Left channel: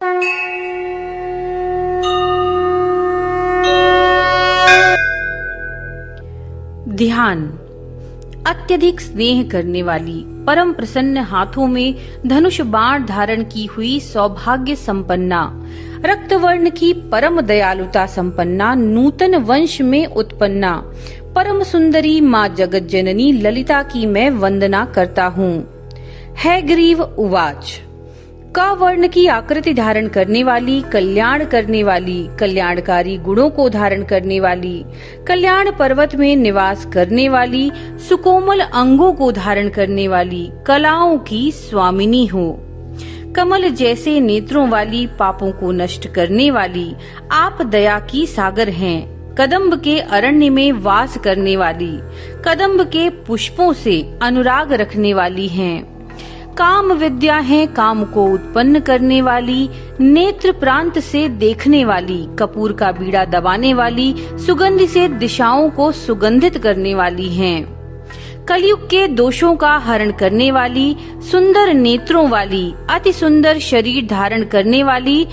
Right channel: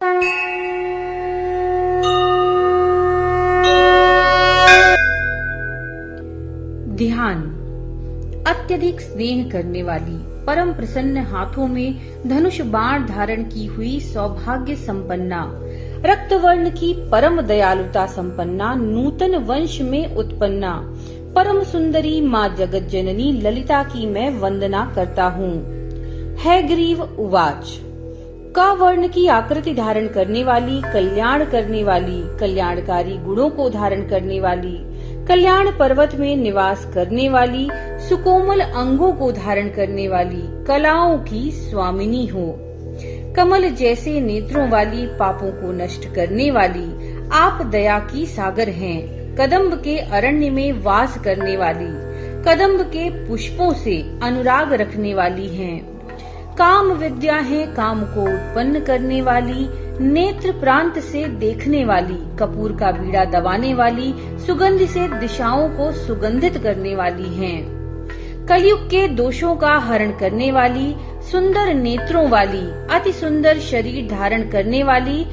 ध्यान। अत्यधिक स्नेह करने वाली, परम प्रसन्न हाथों में धनुष बाण धारण की हुई सौभाग्य संपन्ना, रक्त वर्ण की परम दयालुता संपन्ना, नूतन वंश में उत्पन्ना, परम सुंदरी माँ जगत जननी ललिता की मैं वंदना करता हूँ। हैग्रीव उवाच। क वर्ण की आकृति धारण करने वाली, कल्याण करने वाली, कल्याणकारी गुणों को धारण करने वाली, कल्याण पर्वत में निवास करने वाली, सुकोमल अंगों को धारण करने वाली, कलाओं की स्वामिनी हो। कमल जैसे नेत्रों वाली, पापों को नष्ट करने वाली, आप दया की सागर हैं। कदम्ब के अरण्य में वास करने वाली, कदम्ब के पुष्पों से अनुराग रखने वाली हैं। काम विद्या है काम को उत्पन्न करने वाली, नेत्र प्रांत से देखने वाली, कपूर का बीड़ा दबाने वाली, सुगंध से दिशाओं को सुगंधित करने वाली हैं। कलयुग के दोषों का हरण करने वाली, सुंदर नेत्रों वाली, अति सुंदर शरीर धारण करने वाली,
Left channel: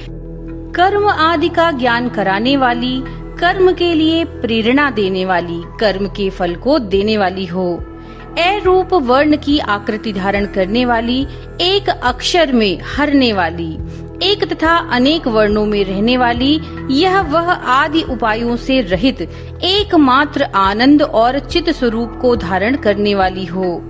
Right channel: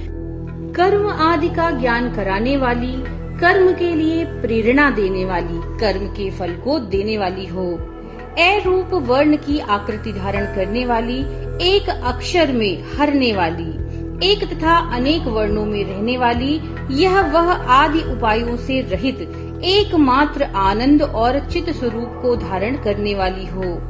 कर्म आदि का ज्ञान कराने वाली, कर्म के लिए प्रेरणा देने वाली, कर्म के फल को देने वाली हो। ए रूप वर्ण की आकृति धारण करने वाली, एक अक्षर में हरने वाली, एक तथा अनेक वर्णों में रहने वाली, यह वह आदि उपायों से रहित एकमात्र आनंद और चित स्वरूप को धारण करने वाली हो।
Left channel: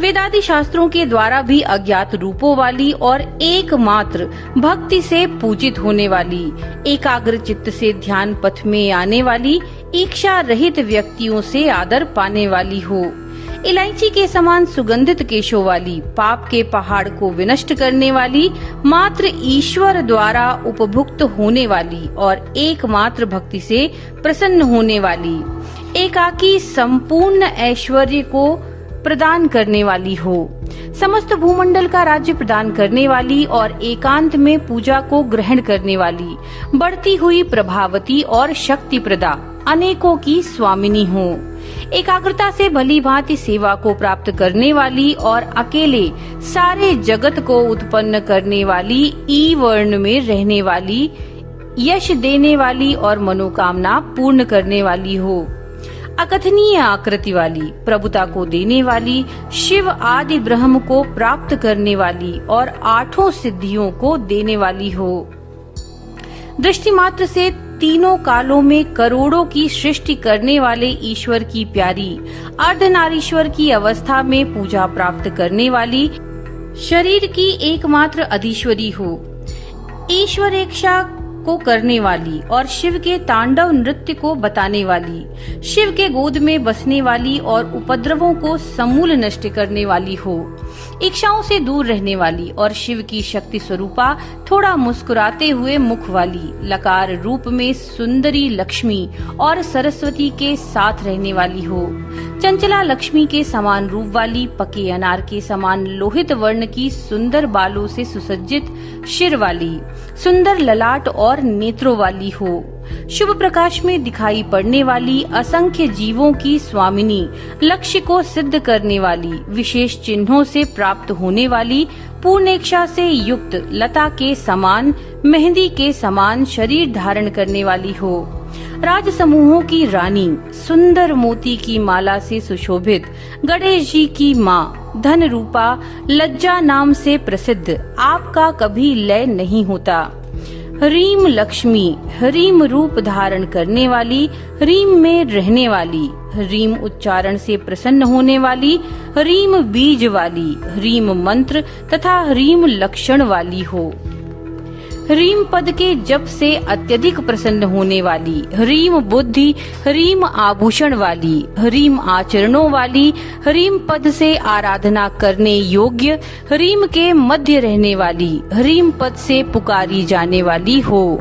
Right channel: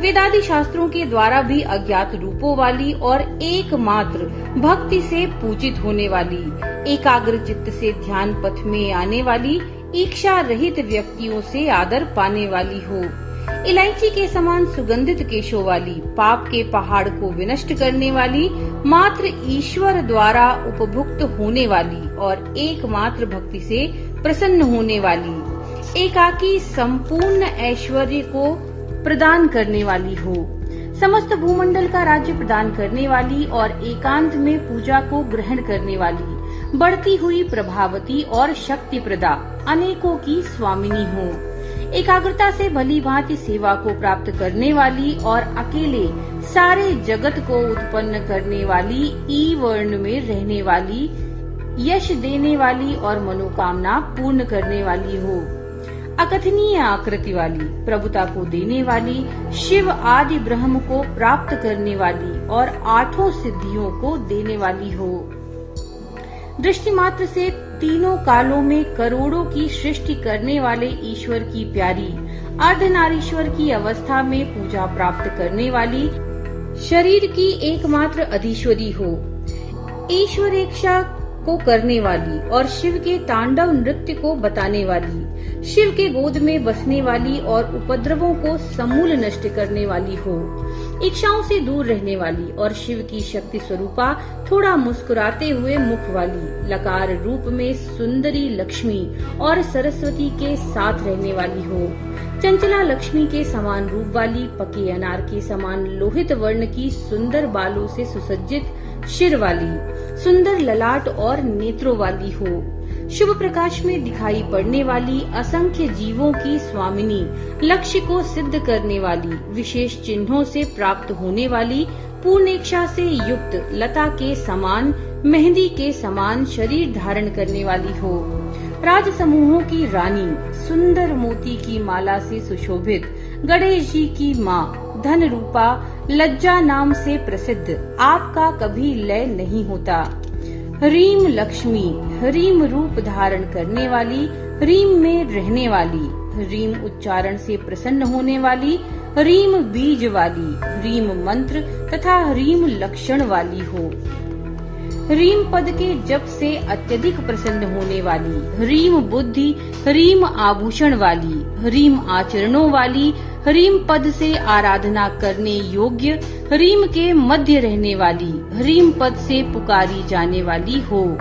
वेदादि शास्त्रों के द्वारा भी अज्ञात रूपों वाली और एकमात्र भक्ति से पूजित होने वाली, एकाग्र चित्त से ध्यान पथ में आने वाली, इच्छा रहित व्यक्तियों से आदर पाने वाली हो। इलायची के समान सुगंधित केशों वाली, पाप के पहाड़ को विनष्ट करने वाली, मात्र ईश्वर द्वारा उपभुक्त होने वाली और एकमात्र भक्ति से प्रसन्न होने वाली, एकाकी संपूर्ण ऐश्वर्य को प्रदान करने वाली हो। समस्त भूमंडल का राज्य प्रदान करने वाली और एकांत में पूजा को ग्रहण करने वाली, बढ़ती हुई प्रभावती और शक्ति प्रदा, अनेकों की स्वामिनी हो। एकाग्रता से भली भांति सेवा को प्राप्त करने वाली और अकेले सारे जगत को उत्पन्न करने वाली, ई वर्ण में रहने वाली, यश देने वाली और मनोकामना पूर्ण करने वाली हो। अकथनीय आकृति वाली, प्रभुता को देने वाली, शिव आदि ब्रह्म को प्राप्त करने वाली और आठों सिद्धियों को देने वाली हो। दृष्टि मात्र से तीनों कालों में करोड़ों की सृष्टि करने वाले ईश्वर की प्यारी, अर्धनारीश्वर की अवस्था में पूजा प्राप्त करने वाली, शरीर की एकमात्र अधीश्वरी हो। ईश्वर इच्छा को करने वाली और शिव के तांडव नृत्य को बताने वाली, शिव के गोद में बसने वाली और उपद्रवों को समूल नष्ट करने वाली हो। इच्छाओं से दूर रहने वाली और शिव की शक्ति स्वरूपा थोड़ा मुस्कुराते हुए मुख वाली, लकार रूप में सुंदरी लक्ष्मी और सरस्वती के साथ रहने वाली हो। चंचला लक्ष्मी के समान रूप वाली, पके अनार के समान लोहित वर्ण की सुंदर बालों से सुसज्जित शिर वाली, सुंदर ललाट और नेत्रों वाली हो। शुभ प्रकाश में दिखाई पड़ने वाली, असंख्य जीवों की स्वामिनी, लक्ष्य को सिद्ध करने वाली, विशेष चिन्हों से प्राप्त होने वाली, पूर्णेक्षा से युक्त, लता के समान, मेहंदी के समान शरीर धारण करने वाली हो। राज समूहों की रानी, सुंदर मोती की माला से सुशोभित, गणेश जी की माँ, धन रूपा, लज्जा नाम से प्रसिद्ध, आपका कभी लय नहीं होता। ह्रीम लक्ष्मी, ह्रीम रूप धारण करने वाली, ह्रीम में रहने वाली, ह्रीम उच्चारण से प्रसन्न होने वाली, ह्रीम बीज वाली, ह्रीम मंत्र तथा ह्रीम लक्षण वाली हो। ह्रीम पद के जप से अत्यधिक प्रसन्न होने वाली, ह्रीम बुद्धि, ह्रीम आभूषण वाली, ह्रीम आचरणों वाली, ह्रीम पद से आराधना करने योग्य, ह्रीम के मध्य रहने वाली, ह्रीम पद से पुकारी जाने वाली हो।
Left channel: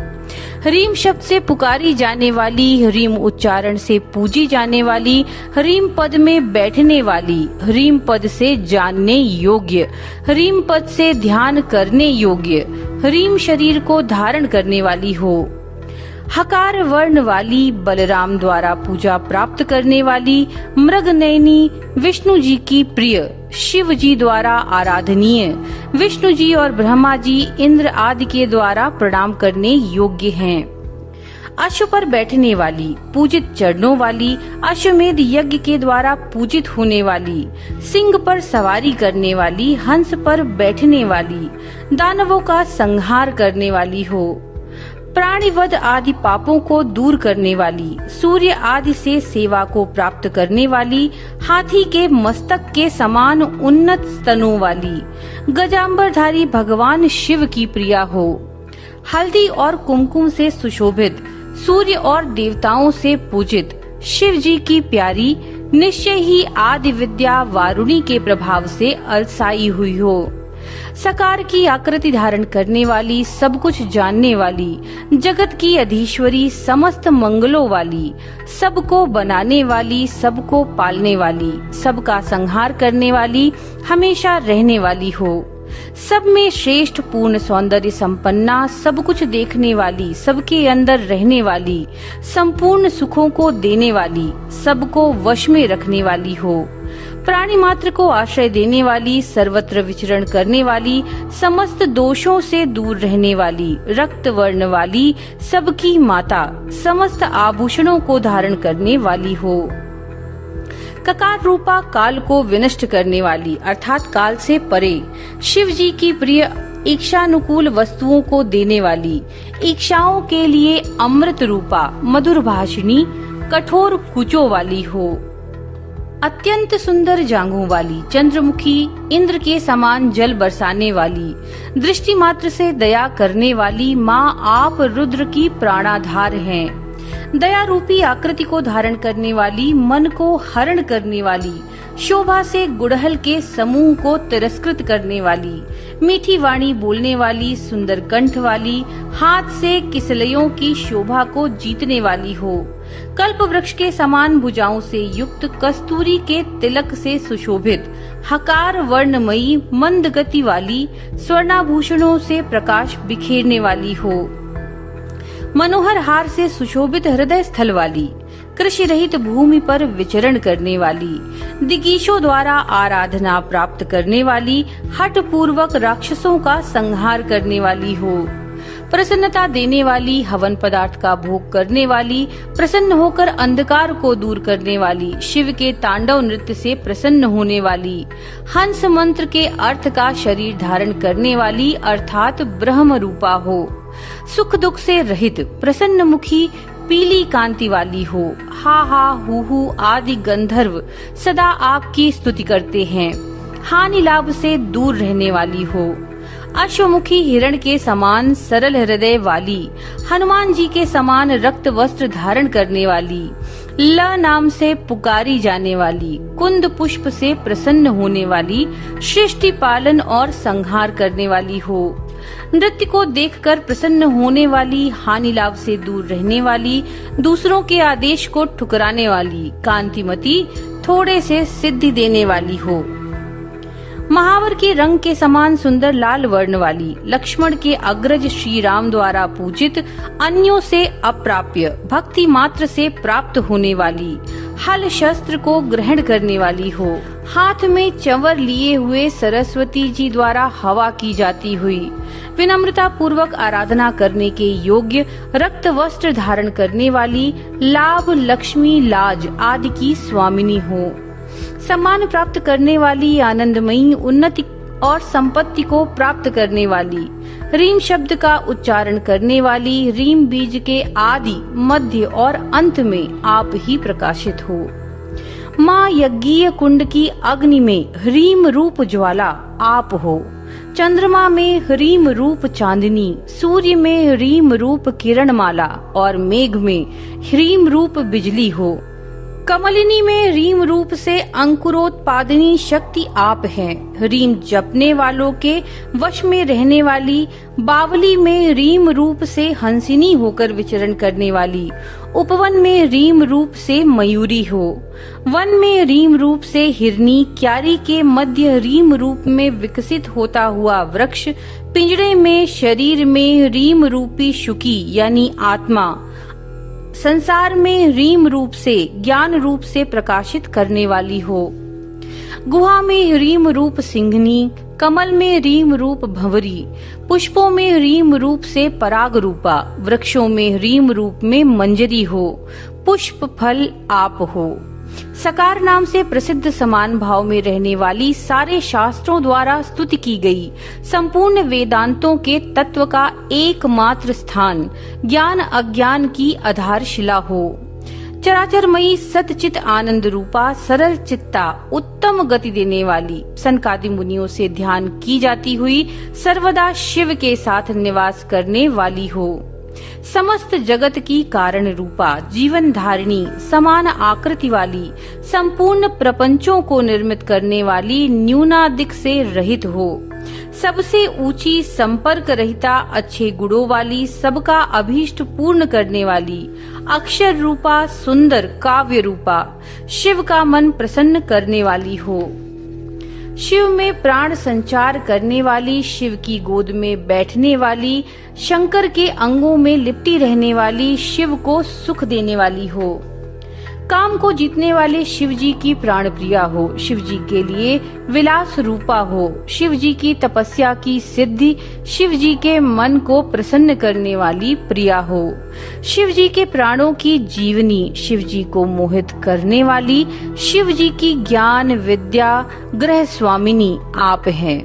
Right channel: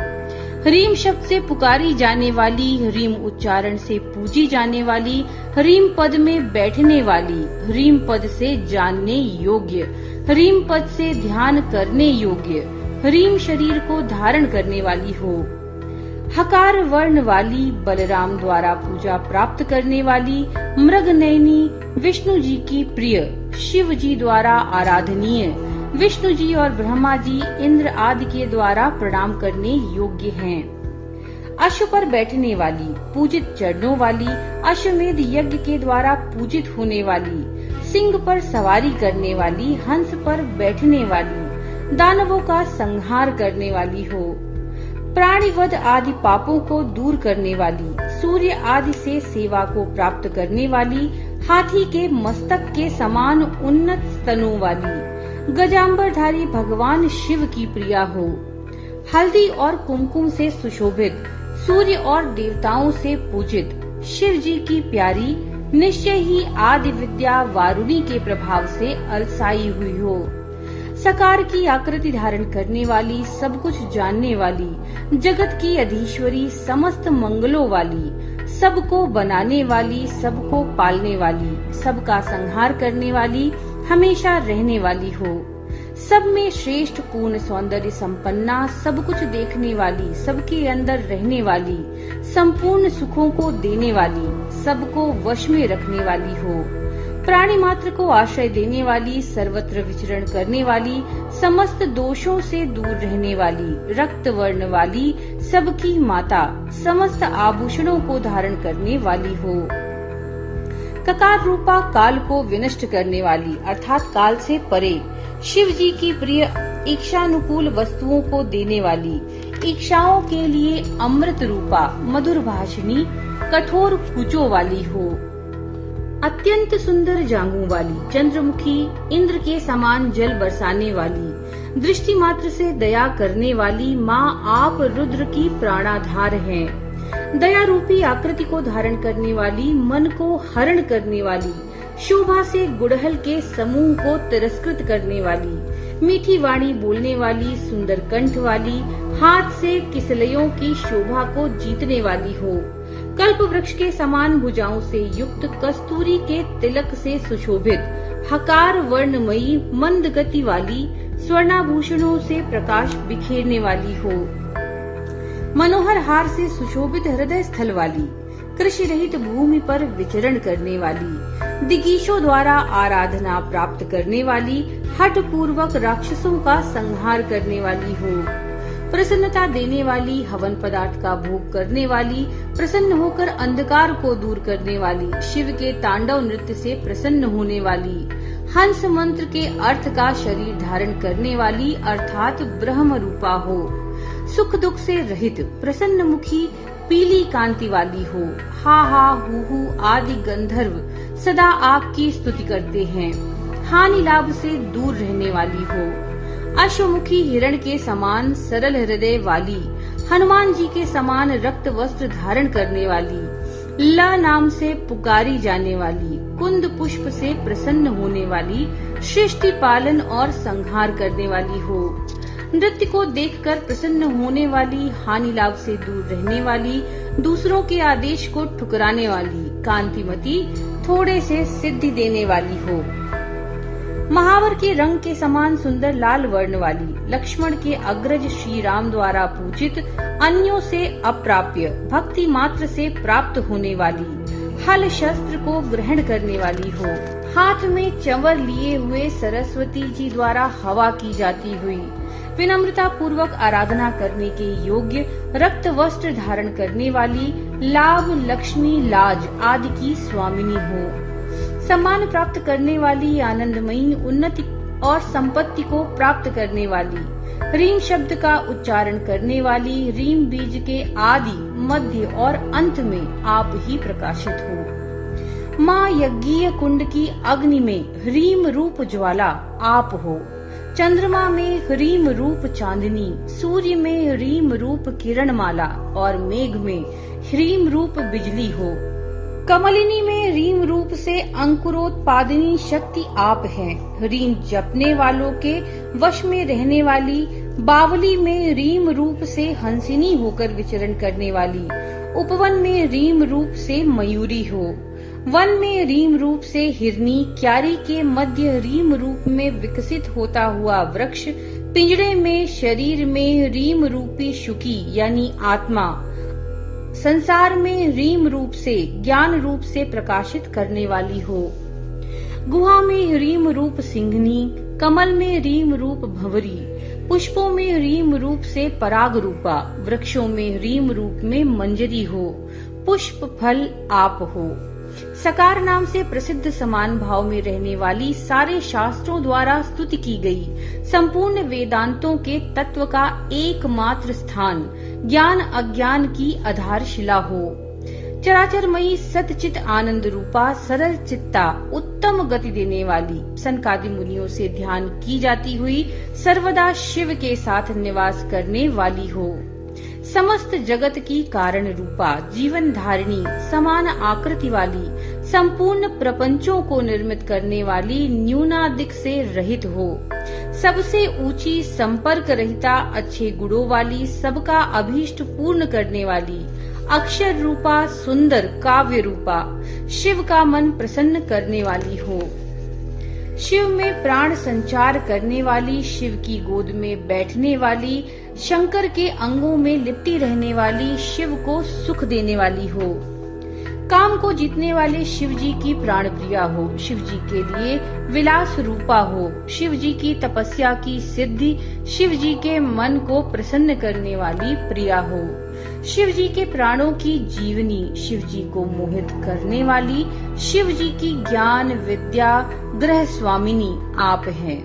ह्रीम शब्द से पुकारी जाने वाली, ह्रीम उच्चारण से पूजी जाने वाली, ह्रीम पद में बैठने वाली, ह्रीम पद से जानने योग्य, ह्रीम पद से ध्यान करने योग्य, ह्रीम शरीर को धारण करने वाली हो। हकार वर्ण वाली बलराम द्वारा पूजा प्राप्त करने वाली मृगनयनी विष्णु जी की प्रिय, शिव जी द्वारा आराधनीय, विष्णु जी और ब्रह्मा जी इंद्र आदि के द्वारा प्रणाम करने योग्य हैं। अश्व पर बैठने वाली, पूजित चरणों वाली, अश्वमेध यज्ञ के द्वारा पूजित होने वाली, सिंह पर सवारी करने वाली, हंस पर बैठने वाली, दानवों का संहार करने वाली हो, प्राणिवध आदि पापों को दूर करने वाली, सूर्य आदि से सेवा को प्राप्त करने वाली, हाथी के मस्तक के समान उन्नत स्तनों वाली, गजांबरधारी भगवान शिव की प्रिया हो, हल्दी और कुमकुम से सुशोभित, सूर्य और देवताओं से पूजित, शिव जी की प्यारी, निश्चय ही आदि विद्या वारुणी के प्रभाव से अलसाई हुई हो, सकार की आकृति धारण करने वाली, सब कुछ जानने वाली, जगत की अधीश्वरी, समस्त मंगलों वाली, सबको बनाने वाली, सबको पालने वाली, सबका संहार करने वाली, हमेशा रहने वाली हो, सब में श्रेष्ठ पूर्ण सौंदर्य संपन्ना, सब कुछ देखने वाली, सबके अंदर रहने वाली, संपूर्ण सुखों को देने वाली, सबको वश में रखने वाली हो, प्राणी मात्र को आश्रय देने वाली, सर्वत्र विचरण करने वाली, समस्त दोषों से दूर रहने वाली, रक्त वर्ण वाली, सबकी माता, समस्त आभूषणों को धारण करने वाली हो, ककार रूपा काल को विनष्ट करने वाली अर्थात काल से परे, शिव जी की प्रिय, इच्छानुकूल वस्तुओं को देने वाली, इच्छाओं के लिए अमृत रूपा, मधुर भाषिणी, कठोर कुचों वाली हो, अत्यंत सुंदर जांघों वाली, चंद्रमुखी, इंद्र के समान जल बरसाने वाली, दृष्टि मात्र से दया करने वाली माँ आप रुद्र की प्राणाधार हैं, दया रूपी आकृति को धारण करने वाली, मन को हरण करने वाली, शोभा से गुड़हल के समूह को तिरस्कृत करने वाली, मीठी वाणी बोलने वाली, सुंदर कंठ वाली, हाथ से किसलयों की शोभा को जीतने वाली हो, कल्प वृक्ष के समान भुजाओं से युक्त, कस्तूरी के तिलक से सुशोभित, हकार वर्णमयी, मंद गति वाली, स्वर्णाभूषणों से प्रकाश बिखेरने वाली हो, मनोहर हार से सुशोभित हृदय स्थल वाली, कृषि रहित भूमि पर विचरण करने वाली, दिगीशों द्वारा आराधना प्राप्त करने वाली, हठ पूर्वक राक्षसों का संहार करने वाली हो, प्रसन्नता देने वाली, हवन पदार्थ का भोग करने वाली, प्रसन्न होकर अंधकार को दूर करने वाली, शिव के तांडव नृत्य से प्रसन्न होने वाली, हंस मंत्र के अर्थ का शरीर धारण करने वाली अर्थात ब्रह्म रूपा हो, सुख दुख से रहित, प्रसन्न मुखी, पीली कांति वाली हो, हा हा हु आदि गंधर्व सदा आपकी स्तुति करते हैं, हानि लाभ से दूर रहने वाली हो, अश्वमुखी हिरण के समान सरल हृदय वाली, हनुमान जी के समान रक्त वस्त्र धारण करने वाली, ल नाम से पुकारी जाने वाली, कुंद पुष्प से प्रसन्न होने वाली, सृष्टि पालन और संहार करने वाली हो, नृत्य को देखकर प्रसन्न होने वाली, हानि लाभ से दूर रहने वाली, दूसरों के आदेश को ठुकराने वाली, कांतिमती, थोड़े से सिद्धि देने वाली हो, महावर के रंग के समान सुंदर लाल वर्ण वाली, लक्ष्मण के अग्रज श्री राम द्वारा पूजित, अन्यों से अप्राप्य, भक्ति मात्र से प्राप्त होने वाली, हल शस्त्र को ग्रहण करने वाली हो, हाथ में चंवर लिए हुए सरस्वती जी द्वारा हवा की जाती हुई, विनम्रता पूर्वक आराधना करने के योग्य, रक्त वस्त्र धारण करने वाली, लाभ लक्ष्मी लाज आदि की स्वामिनी हो, सम्मान प्राप्त करने वाली, आनंदमयी, उन्नति और संपत्ति को प्राप्त करने वाली, रीम शब्द का उच्चारण करने वाली, रीम बीज के आदि, मध्य और अंत में आप ही प्रकाशित हो, माँ यज्ञीय कुंड की अग्नि में ह्रीम रूप ज्वाला आप हो, चंद्रमा में ह्रीम रूप चांदनी, सूर्य में ह्रीम रूप किरणमाला और मेघ में ह्रीम रूप बिजली हो, कमलिनी में रीम रूप से अंकुरोत्पादनी शक्ति आप हैं, रीम जपने वालों के वश में रहने वाली, बावली में रीम रूप से हंसिनी होकर विचरण करने वाली, उपवन में रीम रूप से मयूरी हो, वन में रीम रूप से हिरनी, क्यारी के मध्य रीम रूप में विकसित होता हुआ वृक्ष, पिंजड़े में शरीर में रीम रूपी शुकी यानी आत्मा, संसार में रीम रूप से, ज्ञान रूप से प्रकाशित करने वाली हो। गुहा में रीम रूप सिंघनी, कमल में रीम रूप भंवरी, पुष्पों में रीम रूप से पराग रूपा, वृक्षों में रीम रूप में मंजरी हो, पुष्प फल आप हो। सकार नाम से प्रसिद्ध समान भाव में रहने वाली, सारे शास्त्रों द्वारा स्तुति की गई, संपूर्ण वेदांतों के तत्व का एकमात्र स्थान, ज्ञान अज्ञान की आधारशिला हो। चराचरमयी सतचित आनंद रूपा, सरल चित्ता, उत्तम गति देने वाली, सनकादि मुनियों से ध्यान की जाती हुई, सर्वदा शिव के साथ निवास करने वाली हो। समस्त जगत की कारण रूपा, जीवन धारिणी, समान आकृति वाली, संपूर्ण प्रपंचों को निर्मित करने वाली, न्यूनाधिक से रहित हो। सबसे ऊंची, संपर्क रहिता, अच्छे गुणों वाली, सबका अभीष्ट पूर्ण करने वाली, अक्षर रूपा, सुंदर काव्य रूपा, शिव का मन प्रसन्न करने वाली हो। शिव में प्राण संचार करने वाली, शिव की गोद में बैठने वाली, शंकर के अंगों में लिपटी रहने वाली, शिव को सुख देने वाली हो। काम को जीतने वाले शिव जी की प्राण प्रिया हो, शिव जी के लिए विलास रूपा हो, शिव जी की तपस्या की सिद्धि, शिव जी के मन को प्रसन्न करने वाली प्रिया हो। शिव जी के प्राणों की जीवनी, शिव जी को मोहित करने वाली, शिव जी की ज्ञान विद्या ग्रह स्वामिनी आप हैं।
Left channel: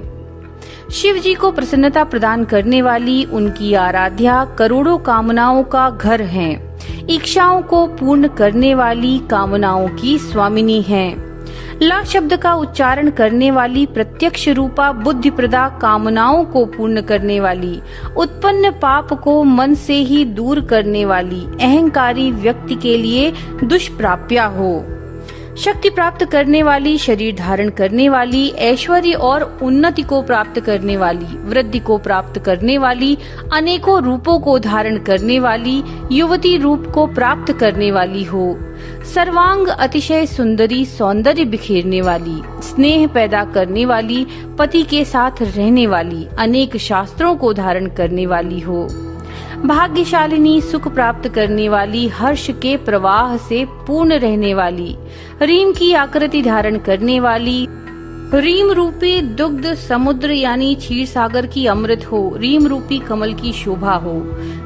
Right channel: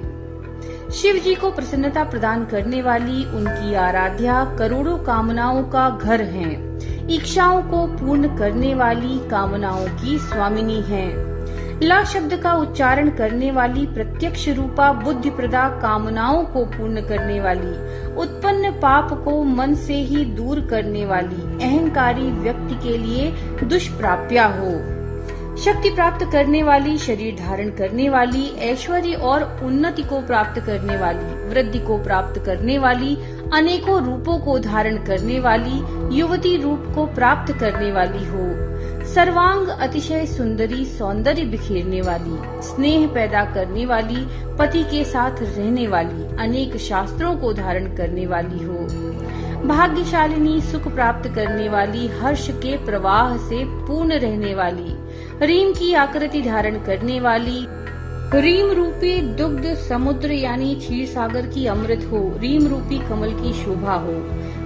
शिव जी को प्रसन्नता प्रदान करने वाली, उनकी आराध्या करोड़ों कामनाओं का घर हैं। इच्छाओं को पूर्ण करने वाली, कामनाओं की स्वामिनी हैं। ला शब्द का उच्चारण करने वाली, प्रत्यक्ष रूपा, बुद्धि प्रदा, कामनाओं को पूर्ण करने वाली, उत्पन्न पाप को मन से ही दूर करने वाली, अहंकारी व्यक्ति के लिए दुष्प्राप्या हो। शक्ति प्राप्त करने वाली, शरीर धारण करने वाली, ऐश्वर्य और उन्नति को प्राप्त करने वाली, वृद्धि को प्राप्त करने वाली, अनेकों रूपों को धारण करने वाली, युवती रूप को प्राप्त करने वाली हो। सर्वांग अतिशय सुंदरी, सौंदर्य बिखेरने वाली, स्नेह पैदा करने वाली, पति के साथ रहने वाली, अनेक शास्त्रों को धारण करने वाली हो। भाग्यशालिनी, सुख प्राप्त करने वाली, हर्ष के प्रवाह से पूर्ण रहने वाली, रीम की आकृति धारण करने वाली, रीम रूपी दुग्ध समुद्र यानी क्षीर सागर की अमृत हो, रीम रूपी कमल की शोभा हो,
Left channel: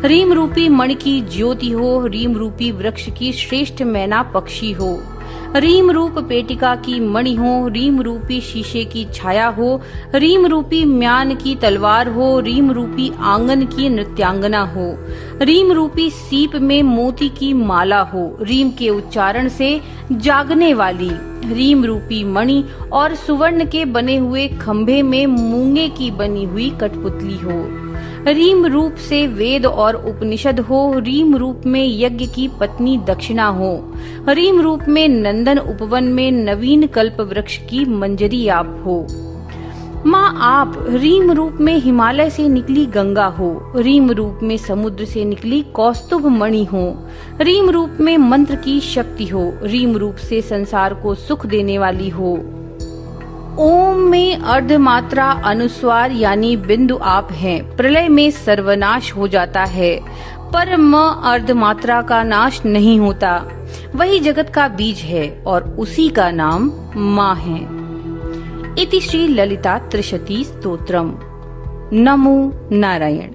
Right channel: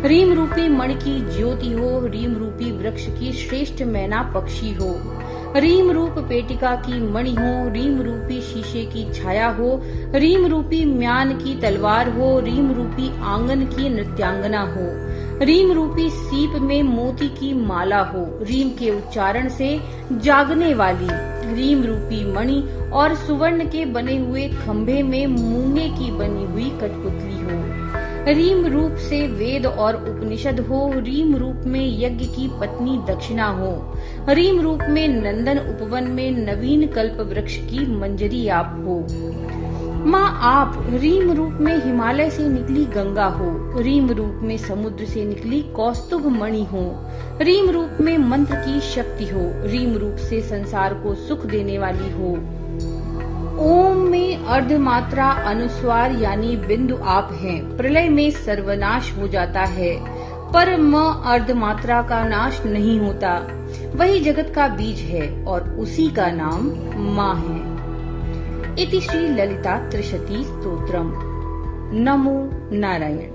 रीम रूपी मणि की ज्योति हो, रीम रूपी वृक्ष की श्रेष्ठ मैना पक्षी हो, रीम रूप पेटिका की मणि हो, रीम रूपी शीशे की छाया हो, रीम रूपी म्यान की तलवार हो, रीम रूपी आंगन की नृत्यांगना हो, रीम रूपी सीप में मोती की माला हो, रीम के उच्चारण से जागने वाली, रीम रूपी मणि और सुवर्ण के बने हुए खंभे में मूंगे की बनी हुई कठपुतली हो, रीम रूप से वेद और उपनिषद हो, रीम रूप में यज्ञ की पत्नी दक्षिणा हो, रीम रूप में नंदन उपवन में नवीन कल्प वृक्ष की मंजरी आप हो। माँ आप रीम रूप में हिमालय से निकली गंगा हो, रीम रूप में समुद्र से निकली कौस्तुभ मणि हो, रीम रूप में मंत्र की शक्ति हो, रीम रूप से संसार को सुख देने वाली हो। ओम में अर्धमात्रा अनुस्वार यानी बिंदु आप हैं, प्रलय में सर्वनाश हो जाता है, पर म अर्धमात्रा का नाश नहीं होता, वही जगत का बीज है और उसी का नाम माँ है। इति श्री ललिता त्रिशती स्तोत्रम। नमो नारायण।